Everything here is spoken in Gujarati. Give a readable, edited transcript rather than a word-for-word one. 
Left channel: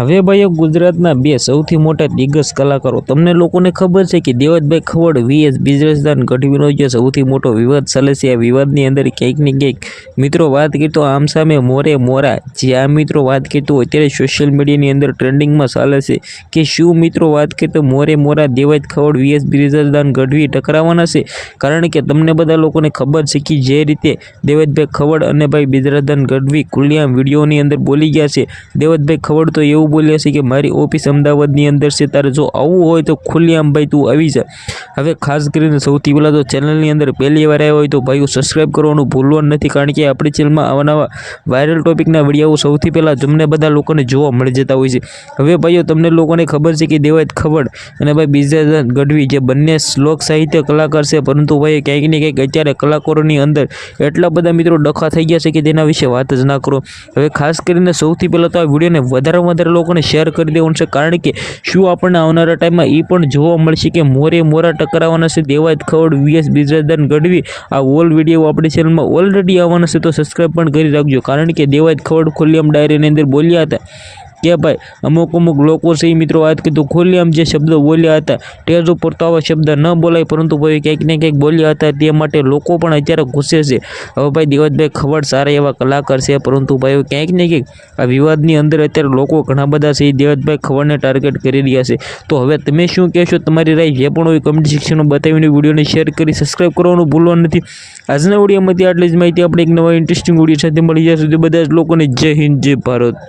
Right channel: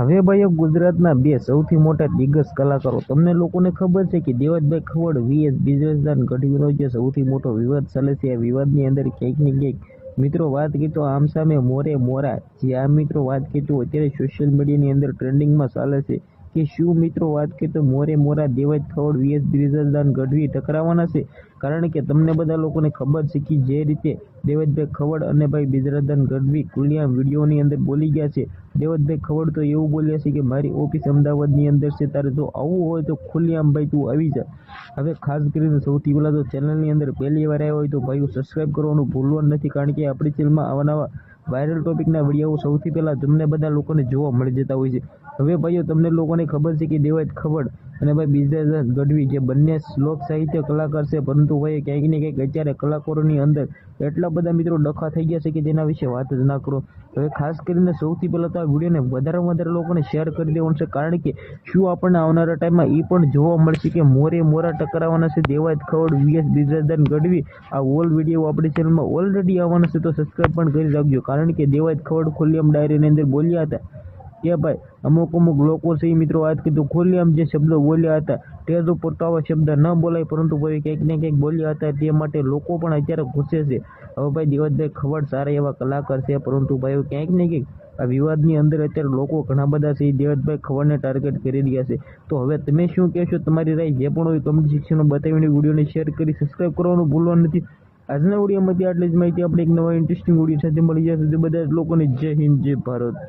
હવે ભાઈઓ ગુજરાતના બે સૌથી મોટા દિગ્ગજ કલાકારો તમને લોકોને ખબર છે કે દેવતભાઈ ખવડ વીએસ બિઝનેસદાન ગઢવીનો જે સૌથી મોટો વિવાદ ચાલે છે. આ વિવાદની અંદર ક્યાંક ને ક્યાંક મિત્રો વાત કરીએ તો આમ સામે મોરે મોરા જે આ મિત્રો વાત કરીએ તો અત્યારે સોશિયલ મીડિયાની અંદર ટ્રેન્ડિંગમાં ચાલે છે કે શું મિત્રો વાત કરીએ તો મોરે મોરા દેવત ખવડ વીએસ બિઝનેસદાન ગઢવી ટકરાવાના છે. કારણ કે તમને બધા લોકોને ખબર છે કે જે રીતે દેવતભાઈ ખવડ અને ભાઈ બિઝનેસદાન ગઢવી ખુલ્લેઆમ વિડીયોની અંદર બોલી ગયા છે. દેવતભાઈ ખવડ તો એવું બોલ્યા છે કે મારી ઓફિસ અમદાવાદની અંદર છે, તારે જો આવવું હોય તો ખુલ્લેઆમ ભાઈ તું આવી જા. હવે ખાસ કરીને સૌથી પહેલાં તો ચેનલની અંદર પહેલી વાર આવ્યા હોય તો ભાઈઓ સબસ્ક્રાઈબ કરવાનું ભૂલવાનું નથી, કારણ કે આપણી ચેનલમાં આવા વાયરલ ટોપિકના વિડીયો સૌથી પહેલાં તમને બધા લોકોને જોવા મળી જતા હોય છે. હવે ભાઈઓ તમને લોકોને ખબર છે કે દેવત ખવડ અને ભાઈ બિઝનેસદાન ગઢવી જે બંને લોક સાહિત્ય કલાકાર છે, પરંતુ ભાઈ ક્યાંક ને ક્યાંક અત્યારે કલાકારોની અંદર એટલા બધા મિત્રો ડખા થઈ ગયા છે કે તેના વિશે વાત જ ના કરો. હવે ખાસ કરીને સૌથી પહેલાં તો આ વિડીયોને વધારે લોકોને શેર કરી દેવાનું છે, કારણ કે શું આપણને આવનારા ટાઈમમાં એ પણ જોવા મળશે કે મોરે મોરા ટકરાવાના છે દેવત ખવડ વીએસ બિઝનેસદાન ગઢવી. આ ઓલ વિડીયો આપણી ચેનલમાં ઓલરેડી આવવાના છે, તો સબસ્ક્રાઈબ પણ કરી રાખજો. કારણ કે દેવત ખવડ ખુલ્લેઆમ ડાયરીની અંદર બોલ્યા હતા કે ભાઈ અમુક લોકો છે મિત્રો વાત કીધું ખુલ્લેઆમ જે શબ્દો બોલ્યા હતા ટેજ ઉપર તો આવા શબ્દ ન બોલાય, પરંતુ ભાઈ ક્યાંક ને ક્યાંક બોલ્યા હતા તે માટે લોકો પણ અત્યારે ગુસ્સે છે. હવે ભાઈ દેવતભાઈ ખવડ સારા એવા કલાકાર છે, પરંતુ ભાઈ ક્યાંક ને ક્યાંક આ વિવાદની અંદર અત્યારે લોકો ઘણા બધા છે એ દેવતભાઈ ખવડને ટાર્ગેટ કરી રહ્યા છે. તો હવે તમે શું કહેશો, તમારી રાય જે પણ હોય કમેન્ટ સેક્શનમાં બતાવીને વિડીયોને શેર કરી સબસ્ક્રાઈબ કરવાનું ભૂલવાનું નથી. આજના વિડીયોમાંથી આટલી જ માહિતી. આપણે એક નવા ઇન્ટરેસ્ટિંગ વિડીયો સાથે મળી જશે. બધા જ લોકોને જય હિન્દ જય ભારત.